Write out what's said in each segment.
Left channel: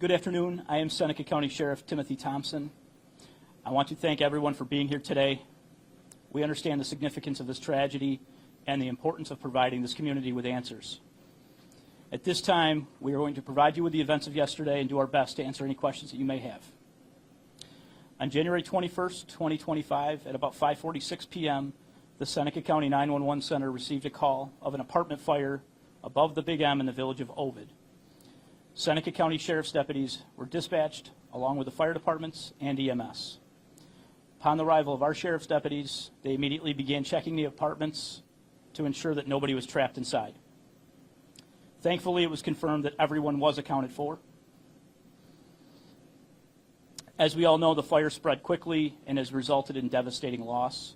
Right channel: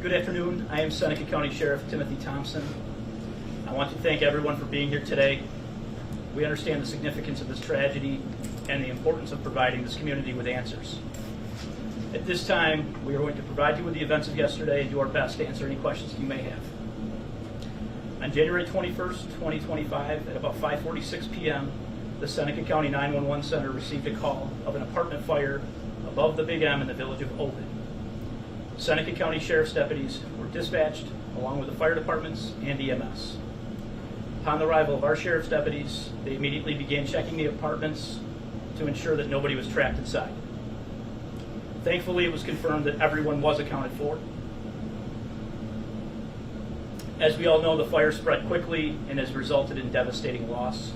Good afternoon. I am Seneca County Sheriff Timothy Thompson. I want to thank everyone for being here today. We understand the significance of this tragedy and the importance of providing this community with answers. At this time, we are going to provide you with the events of yesterday and do our best to answer any questions that you may have. On January 21st, 2025, at about 5:46 p.m., the Seneca County 911 Center received a call of an apartment fire above the Big M in the village of Ovid. Seneca County Sheriff's deputies were dispatched along with the fire departments and EMS. Upon the arrival of our sheriff's deputies, they immediately began checking the apartments to ensure that nobody was trapped inside. Thankfully, it was confirmed that everyone was accounted for. As we all know, the fire spread quickly and has resulted in devastating loss.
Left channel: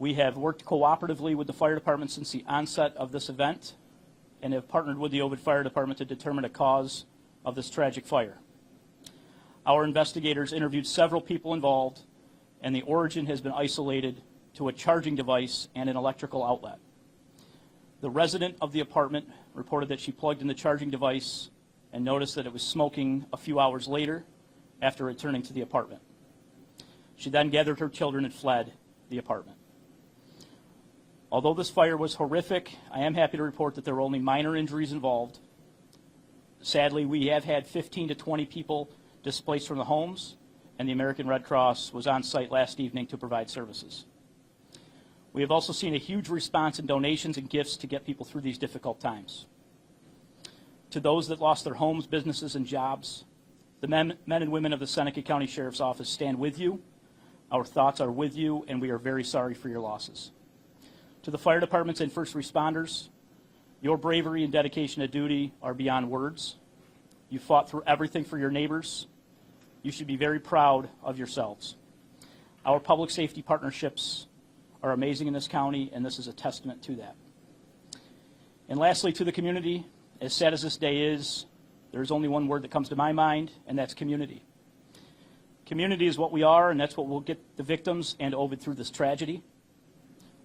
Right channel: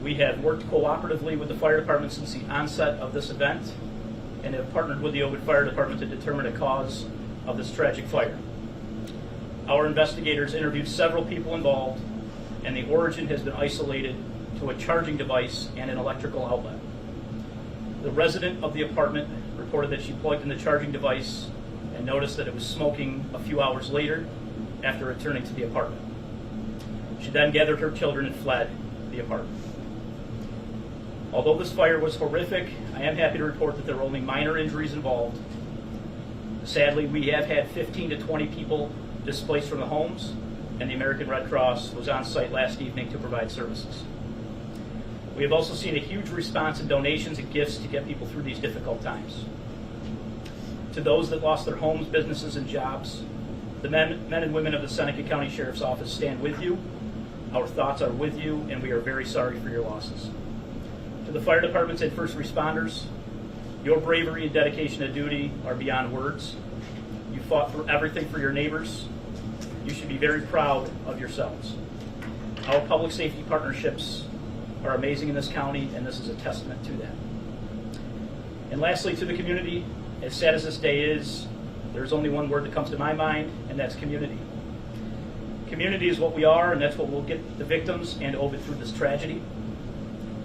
We have worked cooperatively with the fire department since the onset of this event and have partnered with the Ovid Fire Department to determine the cause of this tragic fire. Our investigators interviewed several people involved, and the origin has been isolated to a charging device and an electrical outlet. The resident of the apartment reported that she plugged in the charging device and noticed that it was smoking a few hours later after returning to the apartment. She then gathered her children and fled the apartment. Although this fire was horrific, I am happy to report that there were only minor injuries involved. Sadly, we have had 15 to 20 people displaced from the homes, and the American Red Cross was on site last evening to provide services. We have also seen a huge response in donations and gifts to get people through these difficult times. To those that lost their homes, businesses, and jobs, the men and women of the Seneca County Sheriff's Office stand with you. Our thoughts are with you, and we are very sorry for your losses. To the fire departments and first responders, your bravery and dedication to duty are beyond words. You fought through everything for your neighbors. You should be very proud of yourselves. Our public safety partnerships are amazing in this county, and this is a testament to that. And lastly, to the community, as sad as this day is, there's only one word that comes to my mind, and that's community. Community is what we are, and that's what will get the victims and Ovid through this tragedy.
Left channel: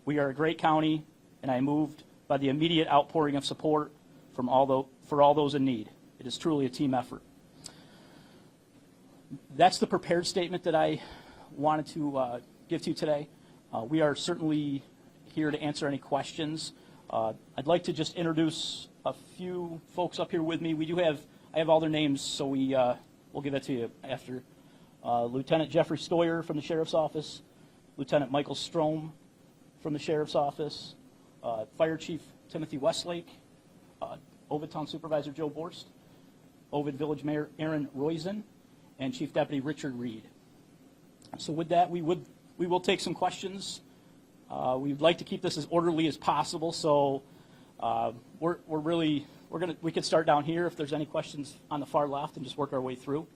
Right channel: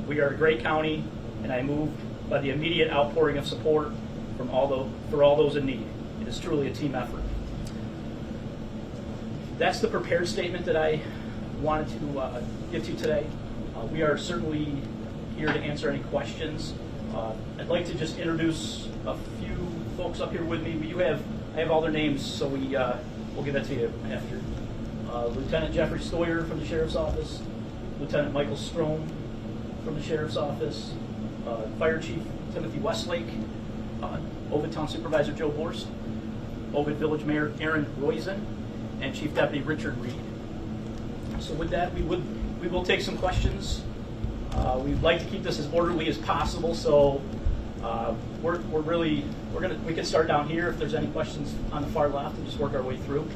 We are a great county, and I am moved by the immediate outpouring of support for all those in need. It is truly a team effort. That's the prepared statement that I wanted to give to you today. We are certainly here to answer any questions. I'd like to just introduce a few folks up here with me. I have all their names, so we'll give that to you after. Lieutenant Jeffrey Stoyer from the Sheriff's Office, Lieutenant Michael Strom from the Sheriff's Office, Fire Chief Timothy Westlake, Ovid Town Supervisor Joe Horst, Ovid Village Mayor Aaron Roizen, and Chief Deputy Richard Reed. So with that, we will take some questions. We'd like to keep this as orderly as possible, so we can start down here if there's any questions on the far left and just work our way through.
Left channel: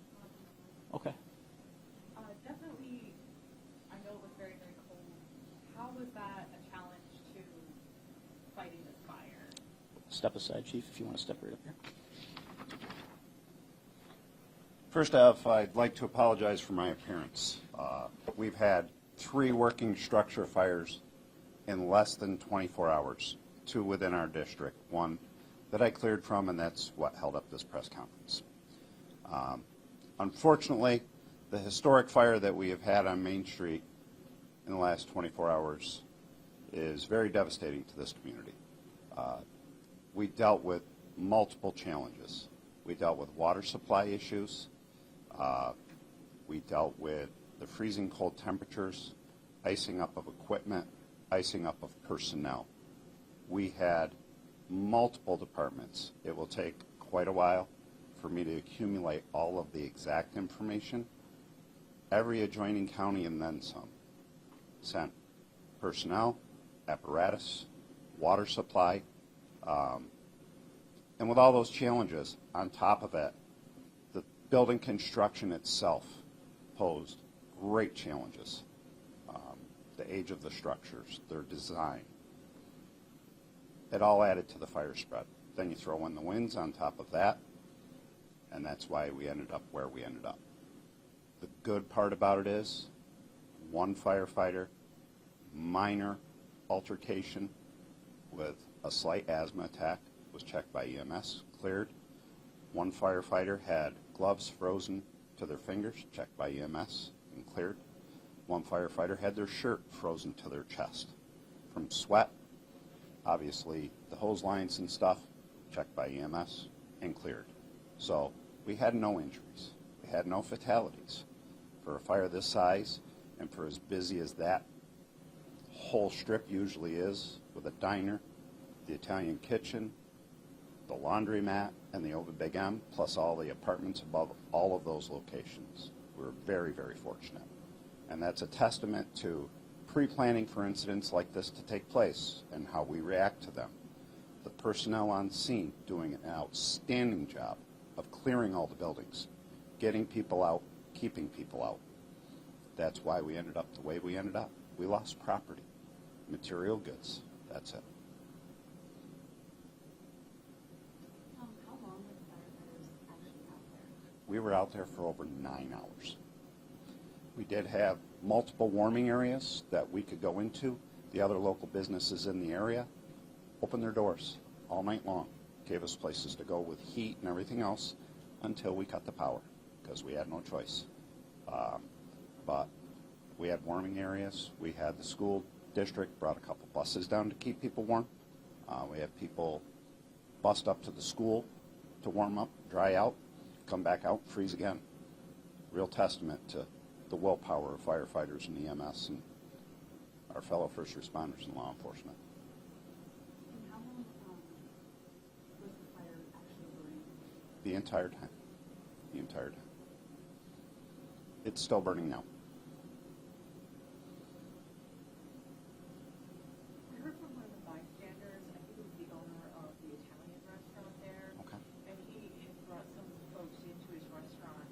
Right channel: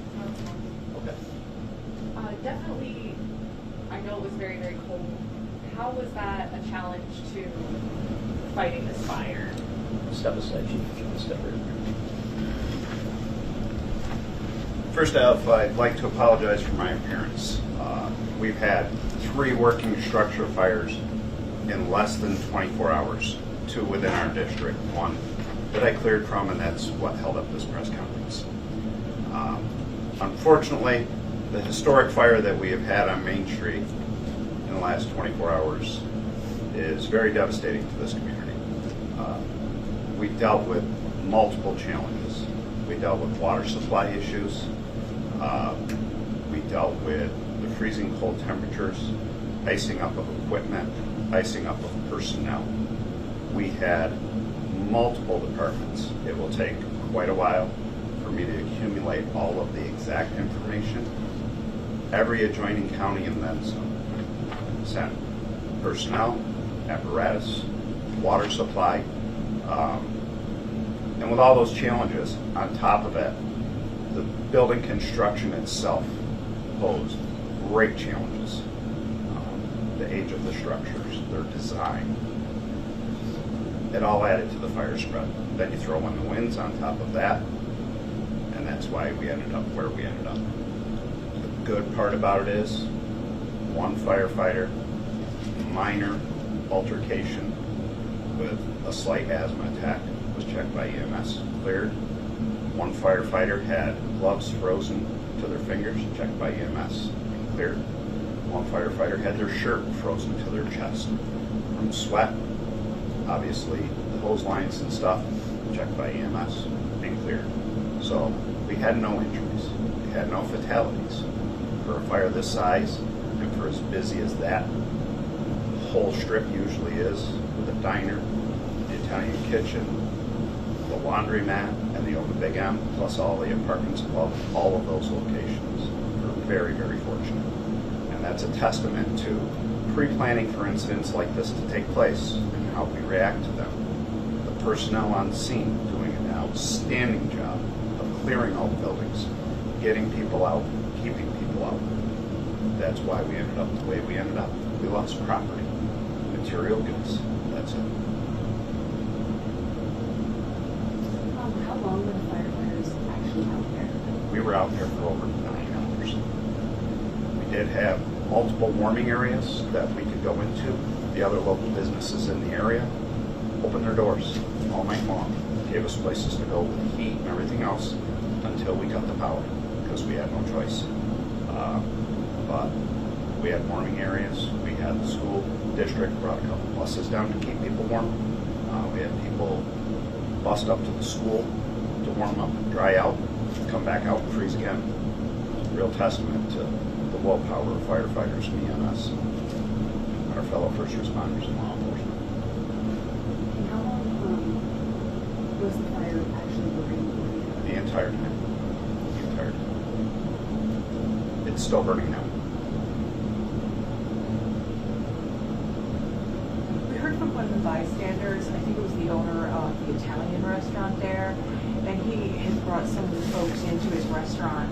Okay. Definitely, I know it was very, very cold. How was that a challenge to fighting this fire? Step aside, Chief, if you want to step right here. First off, I'd like to apologize for my appearance. We've had 3 working structure fires in less than 24 hours, 2 within our district, 1 that I cleared from, and that's what held up this press conference. Unfortunately, the historic fire that we have had on Main Street in the last 24 hours is very devastating to this community. We dealt with multiple challenges. We dealt with water supply issues. We dealt with the freezing cold temperatures, icing up of equipment, icing up of personnel. We had multiple departments. It will take quite a while for me to accumulate all of the exact information. Every adjoining county and then some sent personnel, apparatus, water supply, and with all those challenges on top of it, the building construction itself posed great challenges. The age of the structures, their design, it all added to the fire spread. Then you throw in the winds on top of that, and that's why we ended up where we ended up. The good part about it is, one firefighter, minor altercation with a slight asthma attack, was checked by EMS, cleared. One firefighter had gloves frozen to their fingers, checked by EMS, and cleared. One firefighter had their shirt frozen to their chest from sweat, obviously the hose lines and stuff, checked by EMS, and cleared. So we had no injuries, we had no fatalities. For a fire this size, and for as busy as that whole strip usually is, with a diner, the Italian kitchen, the laundromat, and the Ovid Big M, plus all the apartments above all of those locations. We're very, very fortunate. And that's a testament to pre-planning for incidents like this to take place and how we react to them. The personnel on scene doing an outstanding job of clearing all the buildings, getting people out, keeping people out. That's why we ended up the way we ended up. We lost property, material goods, that's it. How long were the firefighters actually out there? We were out there for over 9 hours. We did have multiple warming areas that we could go into. The other local businesses in the area opened their doors all night long, gave us places to go with heat and everything else until we cut the power, because we had no choice. But we had warming areas. We had the school district brought a couple buses down to keep people warm. We had people bust up to the school to warm up, dry out, come back out and freeze again. Real testament to the willpower of firefighters and EMS, our fellow first responders and law enforcement. And how long was the fire actually burning? The entire time. The entire time. It's still burning now. We heard from one of the bystanders, I think it was the owner of the Italian restaurant there, and he had brought some of the folks into his restaurant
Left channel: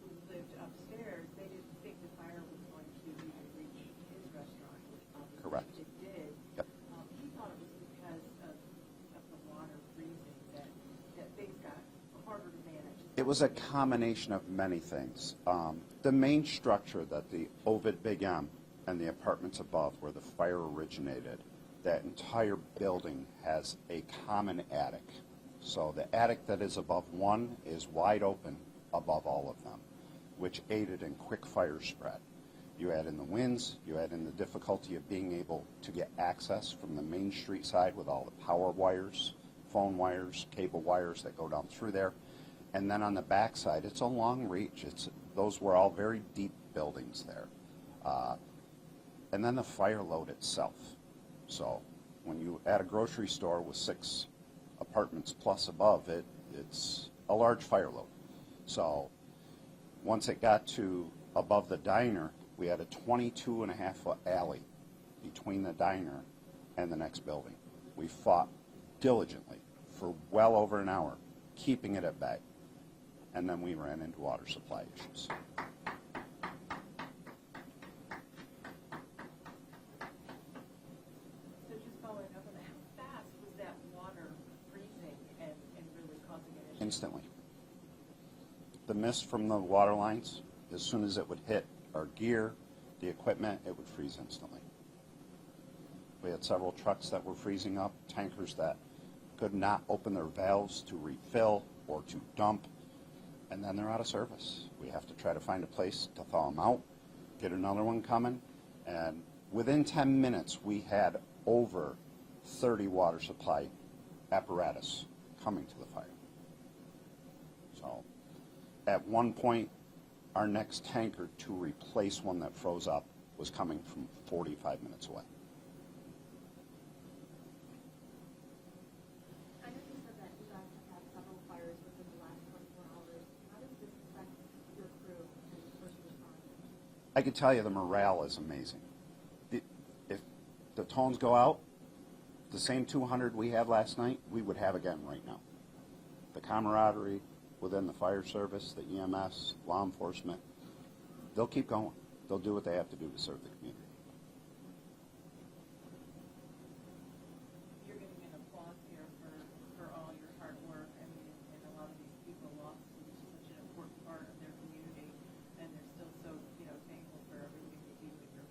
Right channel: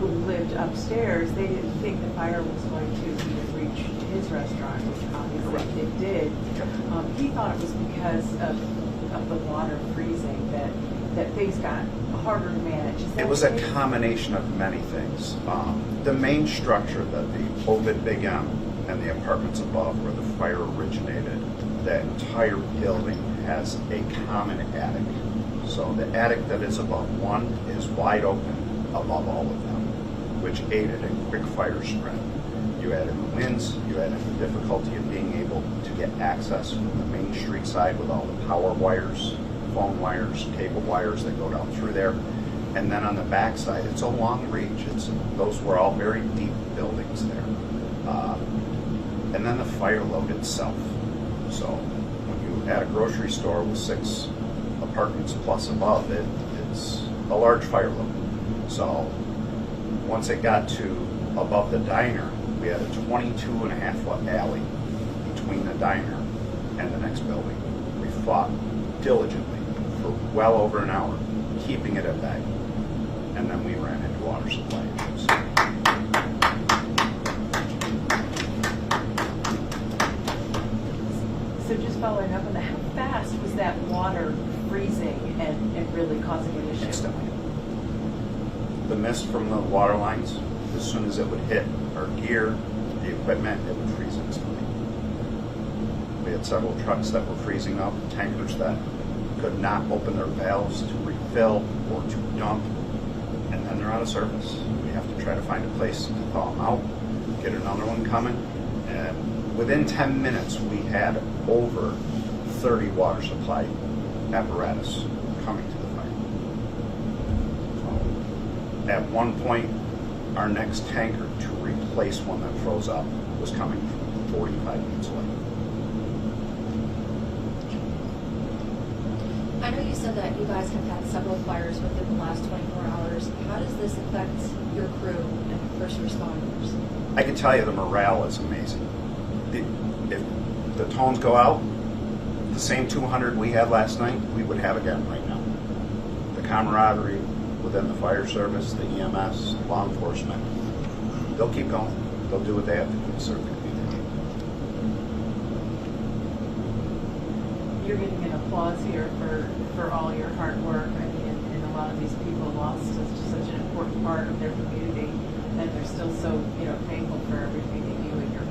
who lived upstairs. They didn't think the fire was going to even reach his restaurant, which obviously it did. He thought it was because of the water freezing that things got harder to manage. Is that It was a right? combination of many things. The main structure that the Ovid Big M and the apartments above where the fire originated, that entire building has a common attic. So the attic that is above one is wide open above all of them, which aided in quick fire spread. You add in the winds, you add in the difficulty of being able to get access from the main street side with all the power wires, phone wires, cable wires that go down through there. And then on the back side, it's a long reach. Those were all very deep buildings there. And then the fire load itself. So when you add a grocery store with 6 apartments plus above it, it's a large fire load. So once it got to above the diner, we had a 22.5-foot alley between the diner and the next building. We fought diligently for well over an hour, keeping it at bay. And then we ran into water supply issues. So just following up on that, how fast was that water freezing and really causing an issue? Instantly. The mist from the water lines, as soon as it would hit our gear, the equipment, it would freeze instantly. We had several trucks that were freezing up, tankers that could not open their valves to refill or to dump, and then they're out of service. We have to try to find a place to thaw them out, get another one coming, and within 10 minutes we had over 30 water supply apparatus coming to the fire. So at one point, our next tanker to replace one that froze up was coming 45 minutes away. I know you said that you guys have had several fires within the last 24 hours. How does this affect your crew and first responders? I can tell you the morale is amazing. If the tones go out, the same 200 we had last night, we would have again right now. The camaraderie within the fire service, the EMS, law enforcement, they'll keep going. They'll do what they have to do to serve the community. You're getting an applause here for all your hard work. I mean, and a lot of these people lost such an important part of their community, and they're still so thankful for everything that you and your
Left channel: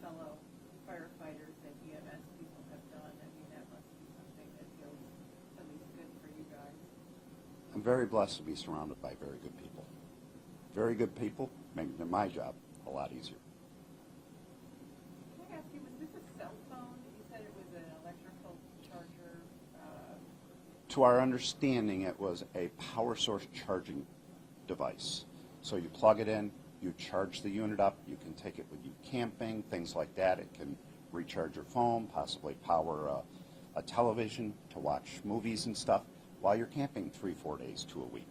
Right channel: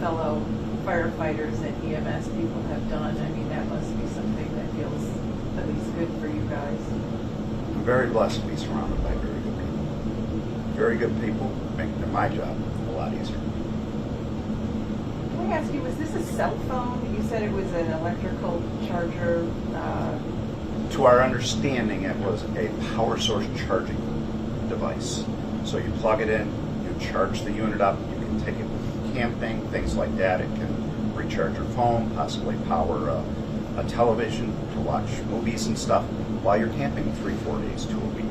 fellow firefighters and EMS people have done. I mean, that must be something that feels at least good for you guys. very blessed to be surrounded by very good people. Very good people making my job a lot easier. Can I ask you, was this a cell phone? You said it was an electrical charger. To our understanding, it was a power source charging device. So you plug it in, you charge the unit up, you can take it camping, things like that. It can recharge your phone, possibly power a television to watch movies and stuff while you're camping 3-4 days to a week.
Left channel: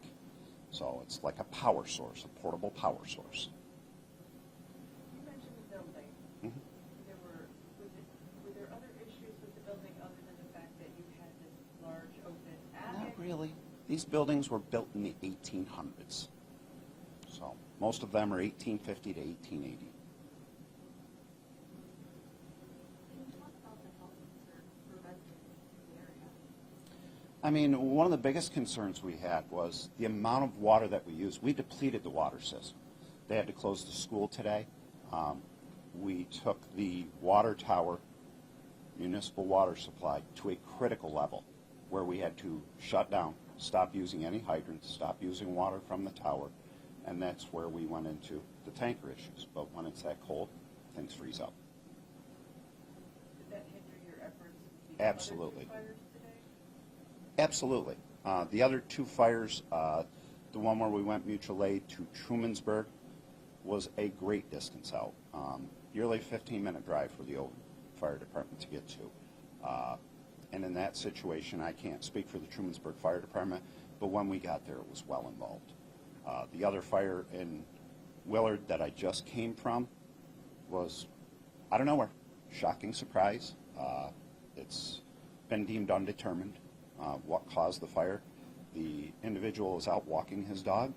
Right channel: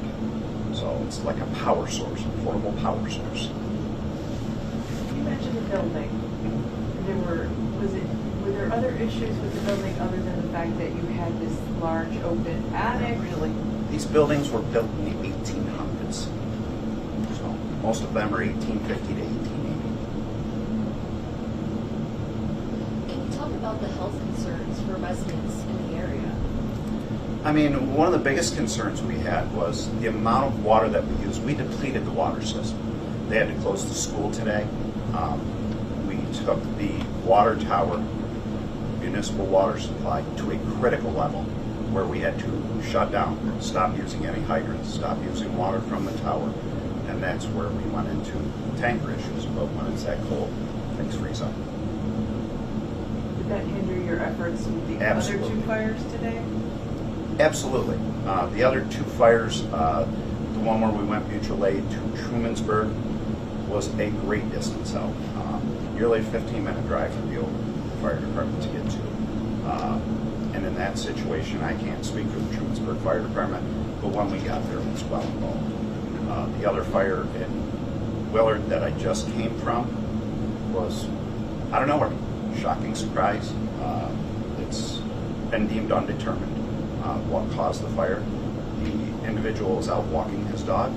So it's like a power source, a portable power source. You mentioned the building. Were there other issues with the building other than the fact that you had this large open attic? Really, these buildings were built in the 1800s. So most of them are 1850 to 1880. Can you talk about the health concerns for residents in the area? I mean, one of the biggest concerns we had was the amount of water that we used. We depleted the water system. They had to close the school today. We took the water tower, municipal water supply, to a critical level where we had to shut down, stop using any hydrants, stop using water from the tower. And that's where we went into tanker issues. But when it's that cold, things freeze up. Did that hinder your efforts with the Absolutely. other two fires today? Absolutely. The other two fires, the one where we went mutual aid to Trumansburg, was a great distance out. Nearly a 15-minute drive for the old fire department to get to. And in that situation, I can't speak for the Trumansburg Fire Department, but when we got there, it was well involved. The other fire in Willard that I just came from was out of nowhere. Shocking surprise. It's been deemed undetermined what caused the fire. The individual was out walking his dog,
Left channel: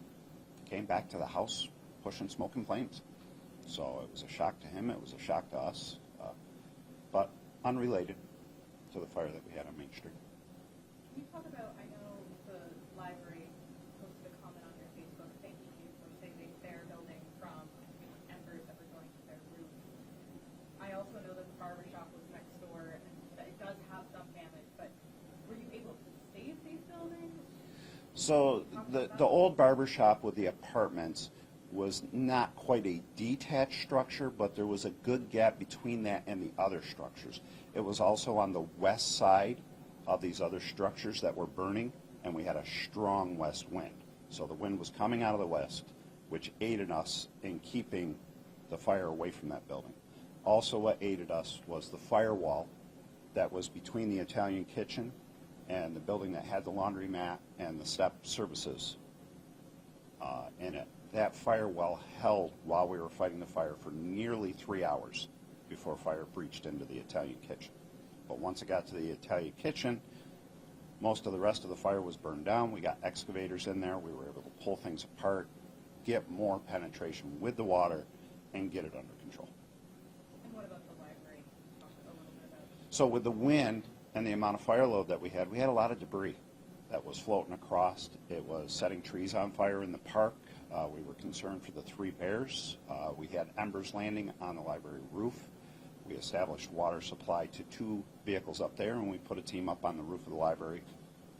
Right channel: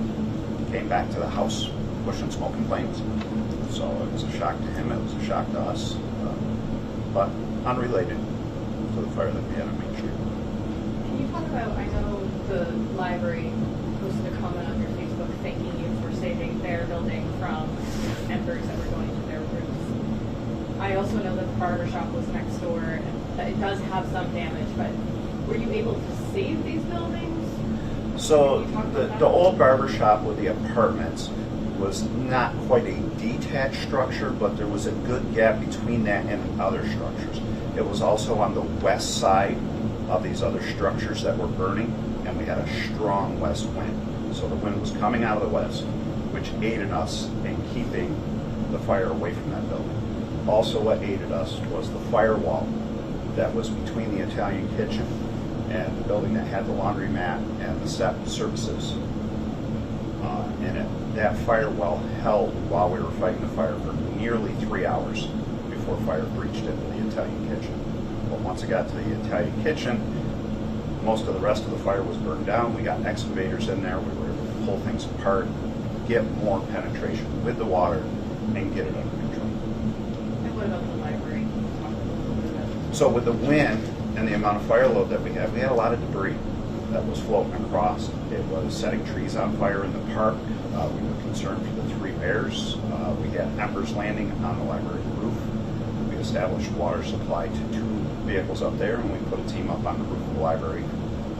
came back to the house pushing smoke and flames. So it was a shock to him, it was a shock to us, but unrelated to the fire that we had on Main Street. Can you talk about, I know the library posted a comment on your Facebook thanking you for saving their building from embers that were going to their roofs. I also know that the barber shop was next door, and that it does have some damage, but were you able to save these buildings? So Can you talk about that? the old barber shop with the apartments was not quite a detached structure, but there was a good gap between that and other structures. It was also on the west side of these other structures that were burning, and we had a strong west wind. So the wind was coming out of the west, which aided us in keeping the fire away from that building. Also what aided us was the firewall that was between the Italian kitchen and the building that had the laundromat and the step services in it. That firewall held while we were fighting the fire for nearly 3 hours before fire breached into the Italian kitchen. But once it got to the Italian kitchen, most of the rest of the fire was burned down. We got excavators in there. We were able to pull things apart, get more penetration with the water, and get it under control. And what about the library? Talk a little bit about that. So with the wind and the amount of fire load that we had a lot of debris that was floating across. It was setting trees on fire in the park. We were concerned for the 3 bears. We had embers landing on the library roof. We established water supply to 2 vehicles up there, and we put a team up on the roof of the library,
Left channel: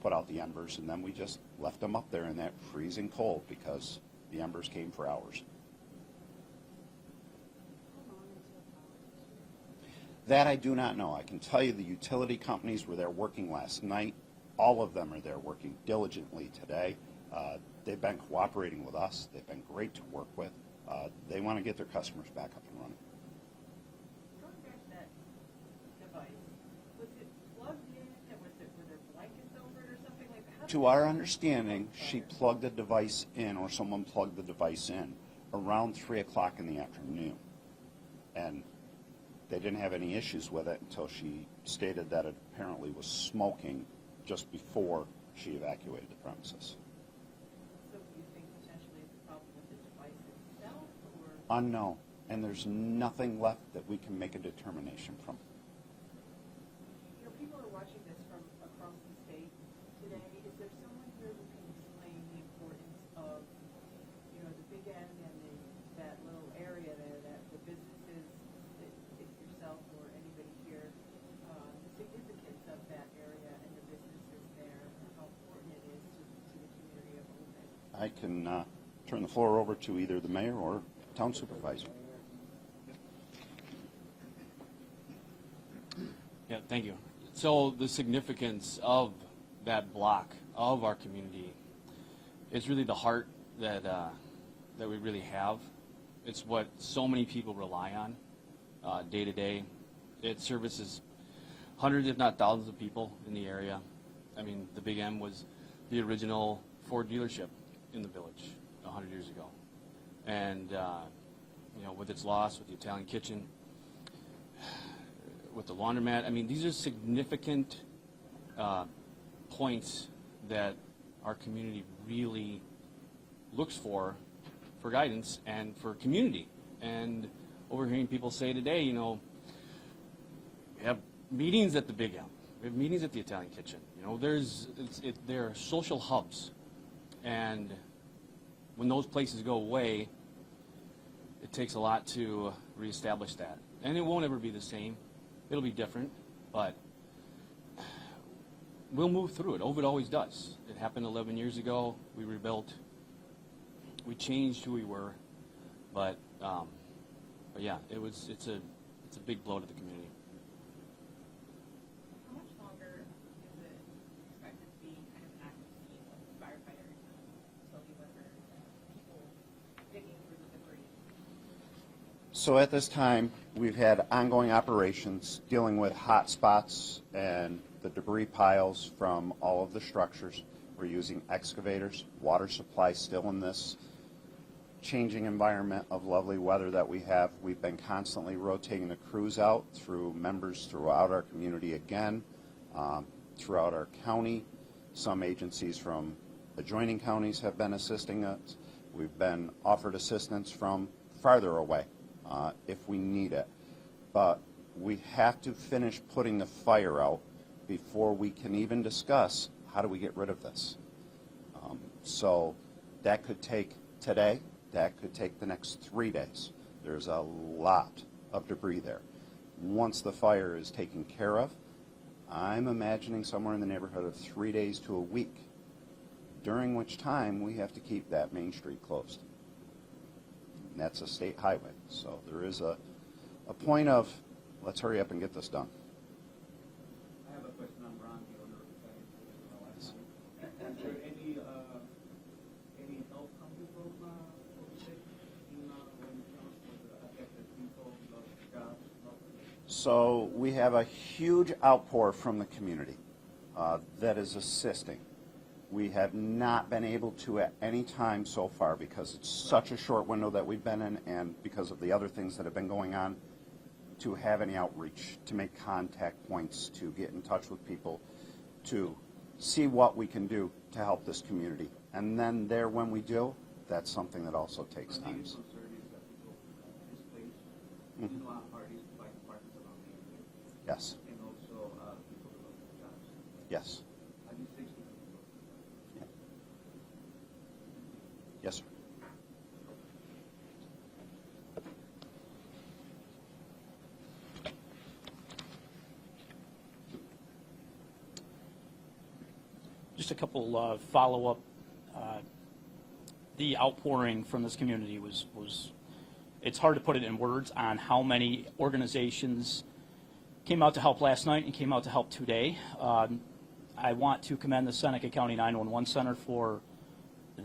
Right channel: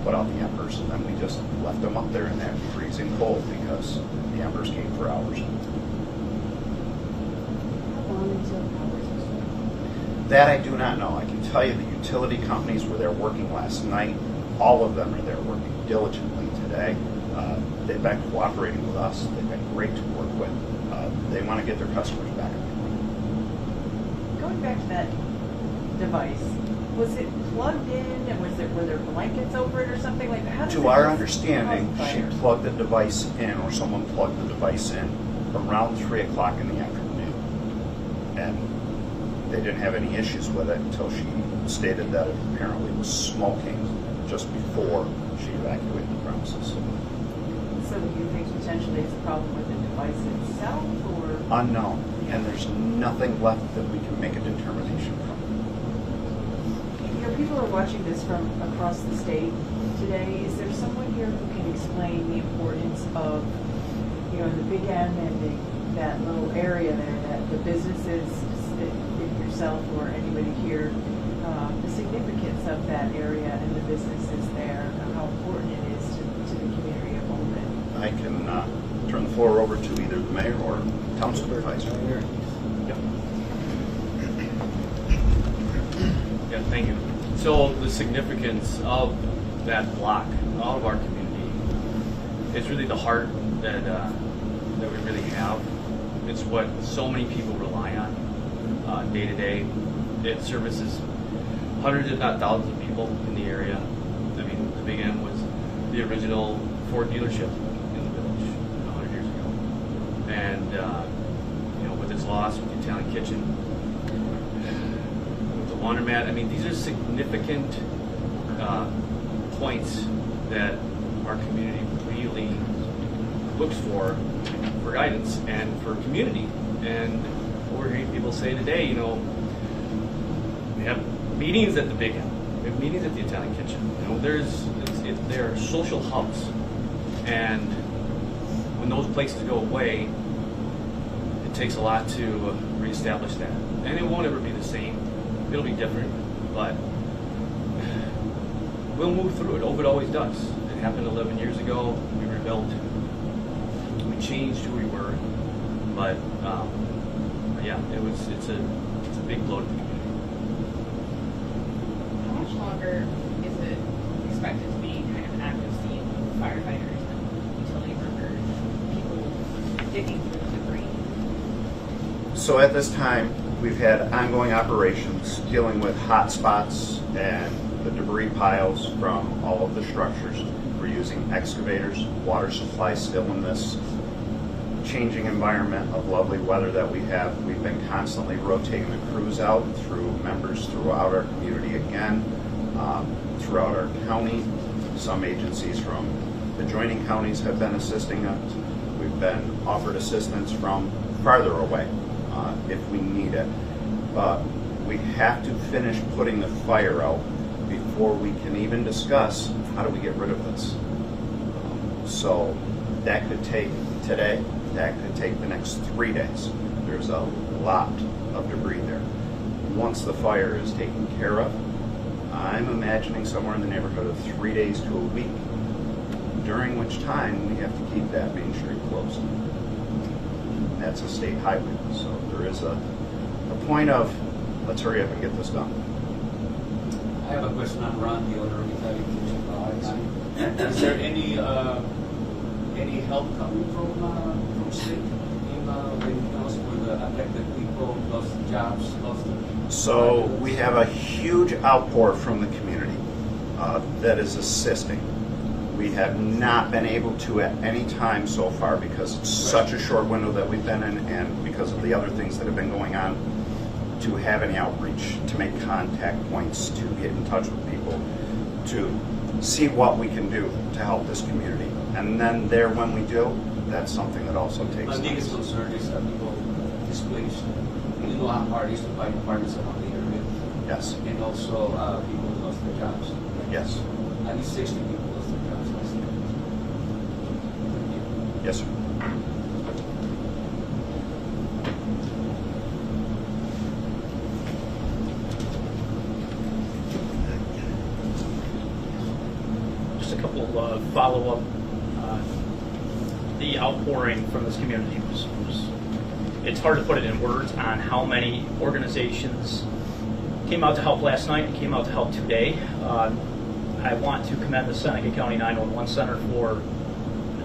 put out the embers, and then we just left them up there in that freezing cold because the embers came for hours. How long until power is restored? That I do not know. I can tell you the utility companies were there working last night. All of them are there working diligently today. They've been cooperating with us. They've been great to work with. They want to get their customers back up and running. Going back to that device, was it plugged in and were there blankets over it or something like that? How does To it our cause understanding, she fires? plugged the device in, or someone plugged the device in around 3 o'clock in the afternoon. And they didn't have any issues with it until she stated that it apparently was smoking just before she evacuated the premises. So do you think potentially it's a problem with the device itself or? Unknown, and there's nothing left that we can make a determination from. You know, people are watching this from across the state today. Is there someone here who can explain the importance of, you know, the Big M and that little area there, that the businesses, if yourself or anybody here, the significance of that area and the businesses there, and how important it is to the community I can turn the floor over to either the mayor or town supervisor. Yeah, thank you. So the significance of that block, of our community, is really the heart that we really have. It's what so many people rely on day to day. It services hundreds, if not thousands, of people in the area. I mean, the Big M was the original Ford dealership in the village 100 years ago, and you know, with its loss, with the Italian kitchen, with the laundromat. I mean, these are significant points that our community really looks for guidance and for community. And what we're hearing people say today, you know, we have meetings at the Big M, we have meetings at the Italian kitchen. You know, they're social hubs, and when those places go away, it takes a lot to reestablish that. And it won't ever be the same. It'll be different, but we'll move through it. Ovid always does. It happened 11 years ago. We rebuilt. We changed who we were, but yeah, it's a big blow to the community. How much longer is it expected to be kind of an active scene of firefighters and utility workers, people digging through the debris? So at this time, we've had ongoing operations dealing with hot spots and the debris piles from all of the structures. We're using excavators, water supply still in this changing environment of lovely weather that we have. We've been constantly rotating the crews out through members throughout our community again, throughout our county. Some agencies from adjoining counties have been assisting us. We've been offered assistance from farther away if we need it. But we have to finish putting the fire out before we can even discuss how do we get rid of this. So that could take today, that could take the next 3 days. There's a lot of debris there. Once the fire is taken care of, I'm imagining somewhere in the neighborhood of 3 days to a week, during which time we have to keep that main street closed. That's a state highway, so there is a point of, let's hurry up and get this done. I have a question on Ron, the owner of Italian Kitchen. Is there any help coming from state in when it comes with affected people, lost jobs, lost? So we have a huge outpour from the community that is assisting. We have not been able to at any time so far because it's such a short window that we've been in and because of the other things that have been going on, to have any outreach, to make contact points, to get in touch with people, to see what we can do to help this community. And then there, when we do, that's something that also takes My time. biggest concern is people displaced. You know how hard it is to find apartments around the area. Yes, And also people who lost their jobs. yes, At least 60 people lost their jobs last year. Thank you. yes, sir. Just a couple follow-up. The outpouring from this community was, it's hard to put it in words on how many organizations came out to help last night and came out to help today. I want to commend the Seneca County 911 Center for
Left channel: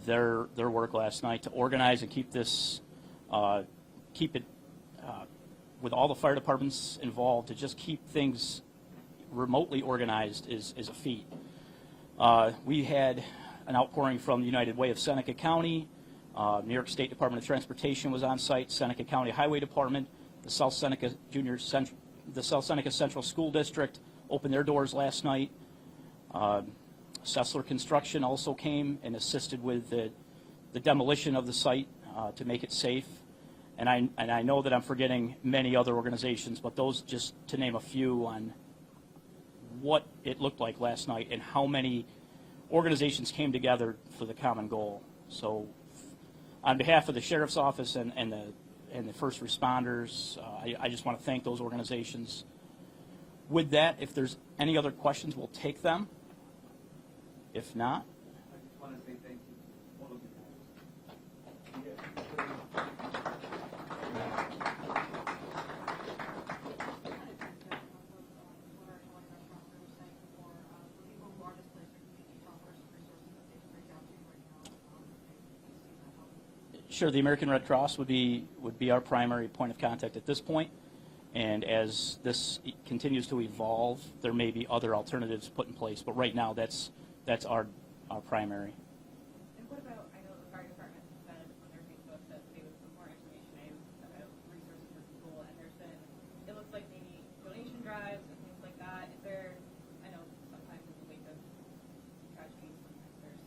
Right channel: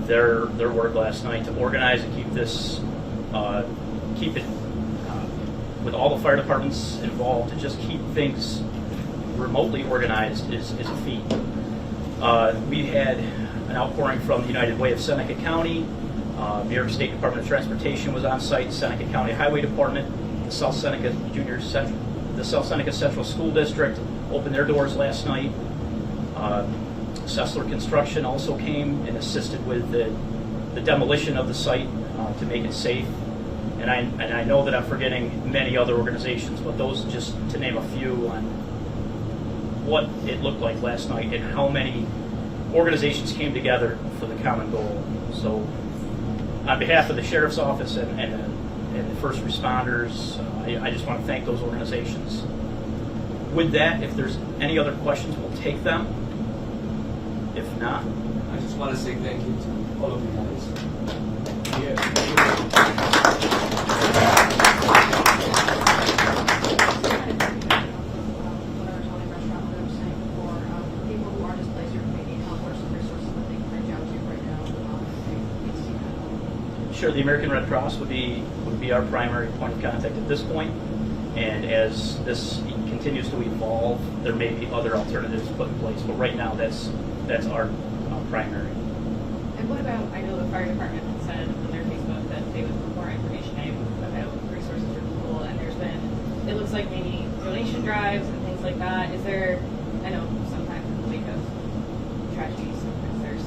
their work last night to organize and keep this, keep it with all the fire departments involved, to just keep things remotely organized is a feat. We had an outpouring from the United Way of Seneca County. New York State Department of Transportation was on site. Seneca County Highway Department, the South Seneca Central School District opened their doors last night. Sessler Construction also came and assisted with the demolition of the site to make it safe. And I know that I'm forgetting many other organizations, but those, just to name a few, on what it looked like last night and how many organizations came together for the common goal. So on behalf of the Sheriff's Office and the first responders, I just want to thank those organizations. With that, if there's any other questions, we'll take them. If not, I just want to say thank you to all of you guys. Whatever Tony restaurant that I was saying before, for people who are displaced or maybe need help or some resources that they can reach out to right now, if they need to see that. Sure, the American Red Cross would be our primary point of contact at this point. And as this continues to evolve, there may be other alternatives put in place. But right now, that's our primary. And what about, I know the fire department said on their Facebook that they would put more information out about resources for people, and there's been, it looks like maybe donation drives and things like that. Is there, I know sometimes in the wake of tragedies, sometimes there's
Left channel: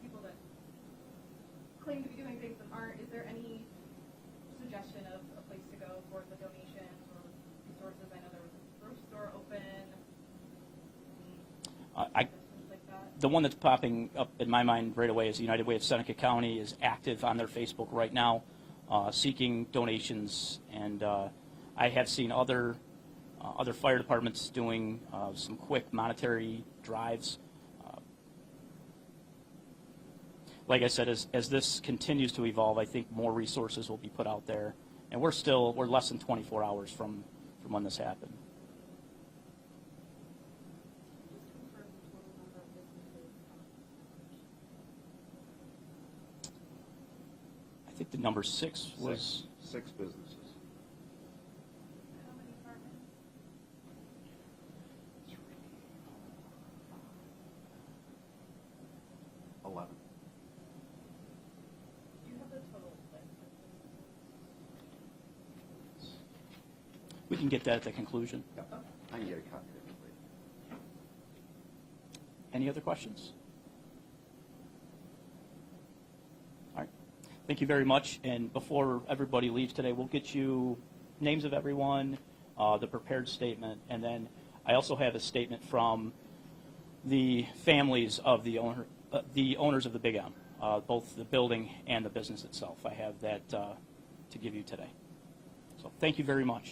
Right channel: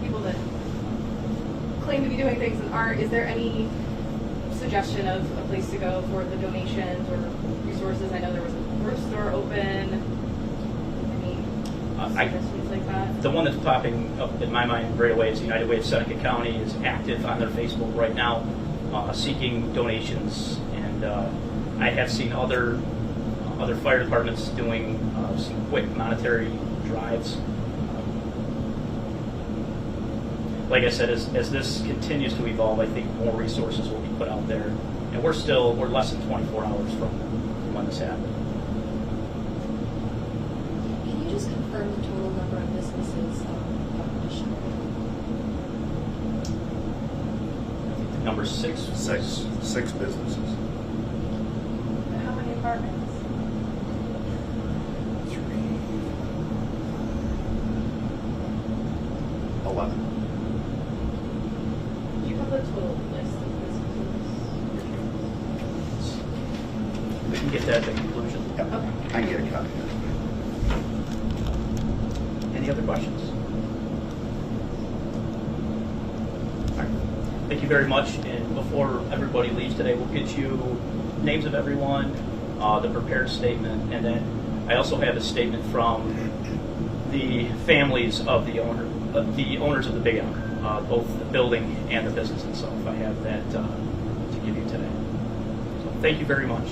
people that claim to be doing things and aren't. Is there any suggestion of a place to go for the donations or resources? I know there was a grocery store open. Any suggestions like that? The one that's popping up in my mind right away is United Way of Seneca County is active on their Facebook right now, seeking donations, and I have seen other fire departments doing some quick monetary drives. Like I said, as this continues to evolve, I think more resources will be put out there, and we're less than 24 hours from when this happened. Can you just confirm the total number of businesses Rochester? I think the number 6. Six businesses. How many apartments? 11. Do you have the total list of businesses? We can get that at the conclusion. Yep. Okay. I can get a copy. Any other questions? All right. Thank you very much. And before everybody leaves today, we'll get you names of everyone, the prepared statement, and then I also have a statement from the families of the owners of the big owner, both the building and the business itself. I have that to give you today. So thank you very much.